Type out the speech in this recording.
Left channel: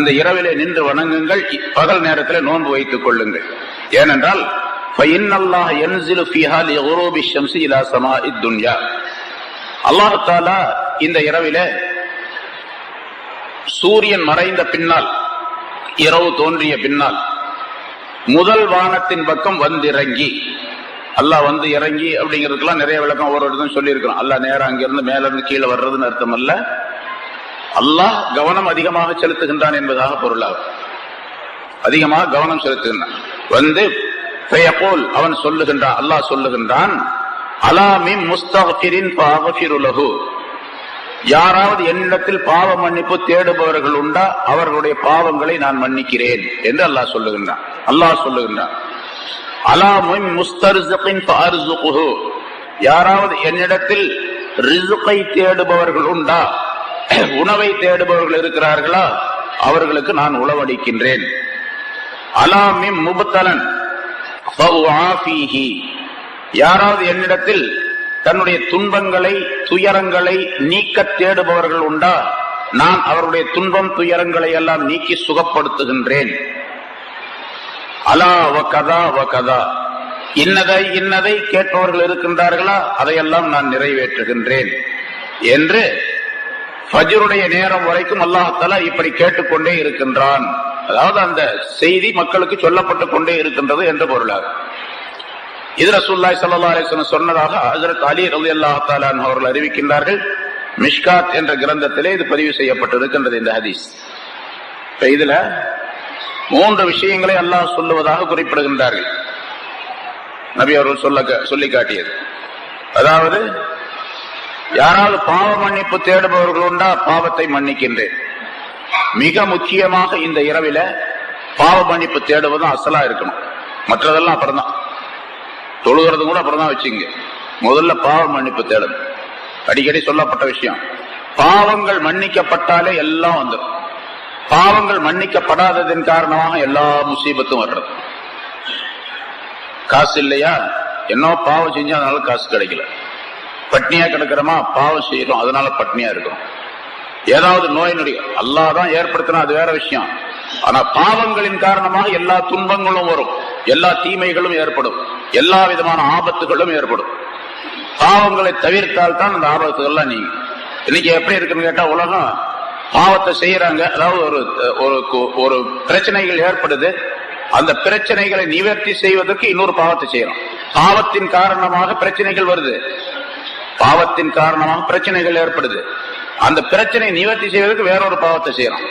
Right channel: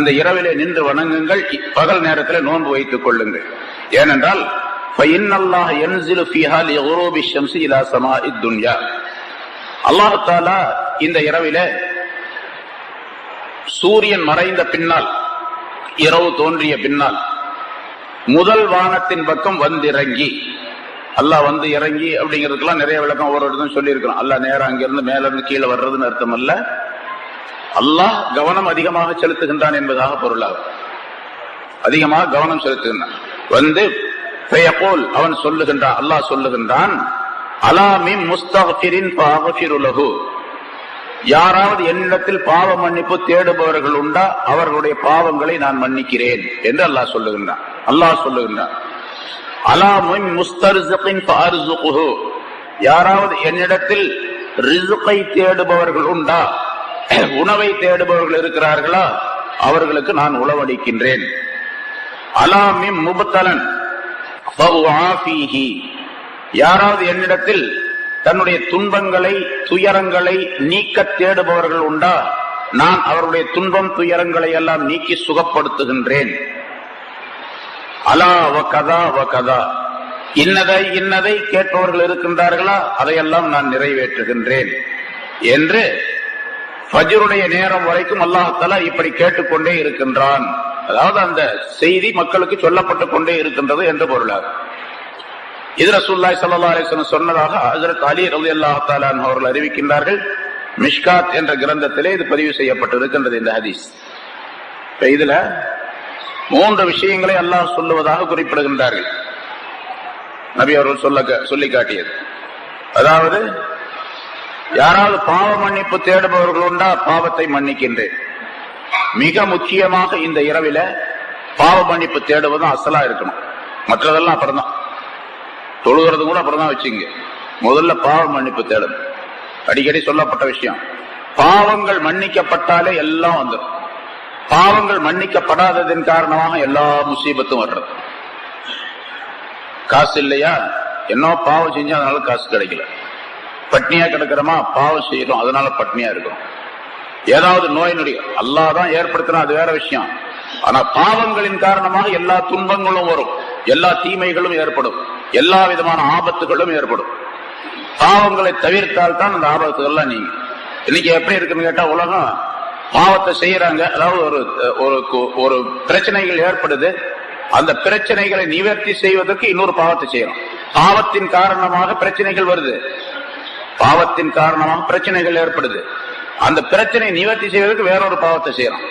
இந்த இரவிலே நின்று வணங்குங்கள், பகல் நேரத்தில் நோன்பு வைத்துக் கொள்ளுங்கள். ஏனென்றால் அல்லாஹ் தஆலா இந்த இரவில சூரியன் மறைந்த பின்னால், இரவு தோன்றிய பின்னால் முதல் வானத்தின் பக்கம் வந்திறங்கி, அல்லாஹ் வந்து இறங்கி அப்படிங்கிறதுக்கெல்லாம் நிறைய விளக்கம் ஒவ்வொரு இடத்தும் சொல்லி இருக்கிறோம். அல்லாஹ் நேரம் அங்கிருந்து மேல இருந்து கீழே வர்றதுன்னு அர்த்தம் அல்ல, அல்லாஹ் கவனம் அதிகமாக செலுத்துகின்றான் என்பதாக பொருளாகும். அதிகமாக கவனம் செலுத்துகின்றான். வந்து அவன் சொல்லுகின்றான், அல்லாஹ் சொல்லுகின்றான், அலா மின் முஸ்தக்ஃபிரின் ஃபஅக்ஃபிரு லஹு, யாராவது என்னிடத்தில் பாவ மன்னிப்பு தேடுபவர்கள் உண்டா, அவர்களுடைய பாவங்களை நான் மன்னிக்கிறேன் என்று அல்லாஹ் சொல்லுகின்றான். அல்லாஹ் சொல்லுகின்றான், அலா மின் முஸ்தர்ஸிகின் ஃபஅர்ஸுகுஹு, யாராவது என்னிடத்தில் ரிஸ்கை தேடுபவர்கள் உண்டா, உணவை தேடுபவர்கள் இருக்கிறார்களா, அவர்களுக்கு நான் உணவளிக்கின்றேன். அலா மின் முப்தலன் ஃபஉஆஃபீஹி, யாராவது என்னிடத்தில் தன்னுடைய துன்பங்களை துயரங்களை நீக்க தேடுபவர்கள் உண்டா, நான் அவருடைய துன்பம் துயரங்களை எல்லாம் நீக்கி சுகப்படுத்துகின்றேன். அலா வகதா வகதா, இன்னதை இன்னதை கேட்பவர்கள் இருக்கின்றார்களா, அதையெல்லாம் நான் நிறைவேற்றுகின்றேன் என்று ஃபஜ்ருடைய நேரம் வரைக்கும் அல்லாஹ் தஆலா இப்படி கேட்டுக்கொண்டே இருக்கின்றான். அதாவது அந்த செய்தி மக்களுக்கு சொல்லப்பட்டுக் கொண்டே இருக்கின்றது என்று பொருளாகும். இது ரசூலுல்லாஹி ஸல்லல்லாஹு அலைஹி வஸல்லம் சொன்னதாக ஹஜ்ரத் அலி ரலியல்லாஹு தஆலா அன்ஹு அவர்கள் அறிவிக்கின்றார்கள். மிஷ்காத் என்ற கிரந்தத்திலே இது பதிவு செய்யப்பட்டிருக்கின்றது இந்த ஹதீஸ். இதுல 3 விஷயங்களை அல்லாஹ் சொல்லுவதாக குறிப்பிடுகின்றார்கள். நபி அவர்கள் சொல்லி காட்டியது, அதாவது யாராவது பாவ மன்னிப்பு தேடுபவர்கள் உண்டா, பாவத்தை மன்னிக்கின்றேன். மிக முக்கியமாக இந்த இரவில பாவ மன்னிப்பு தேடுவதும் அசலா இருக்கணும். மற்றதெல்லாம் அப்புறம்தான், தொழுகிறது கூட அப்புறம் தான் வச்சுங்க. முதல்ல பாவ மன்னிப்பு தேடணும். அடிக்கடி சொல்லப்பட்ட விஷயம், பாவங்கள் மன்னிக்கப்பட்டாலே எல்லாம் வந்துடும். பாவங்கள் மன்னிக்கப்படாததன் காரணமாக எல்லா முசீபத்தும் வர்றது. காசு இல்லையா, என்ன பாவம் செஞ்சா அதனால காசு கிடைக்கல. பட்னியா கிடக்கிறோமா, பாவம் செய்யறோம் அதனால பட்னியா இருக்கும். ஏதாவது நோய் நொடி அல்லாஹ் தான் ஏற்படுத்தினா அது வேற விஷயம். ஆனா பாவங்களின் காரணமாக எல்லா துன்பங்களும் வரும், எல்லா தீமைகளும் ஏற்படும், எல்லா விதமான ஆபத்துகளும் ஏற்படும். பாவங்களை தவிர்த்தால் தான் அந்த ஆபத்துகள்லாம் நீங்க. இன்னைக்கு எப்படி இருக்குன்னு கேட்டா, உலகம் பாவத்தை செய்யறாங்க, அதாவது ஒரு பிரச்சனைகள் ஏற்படுது, அந்த பிரச்சனைகளை நிவர்த்தி செய்வதற்கு இன்னொரு பாவத்தை செய்யறோம். பாவத்தின் காரணமாக பிரச்சனைகள் வருது, பாவத்தின் காரணமாக பிரச்சனைகள் ஏற்படுது, அந்த பிரச்சனை நிவர்த்தி செய்வதற்கு வேறொரு பாவத்தை செய்யறோம்.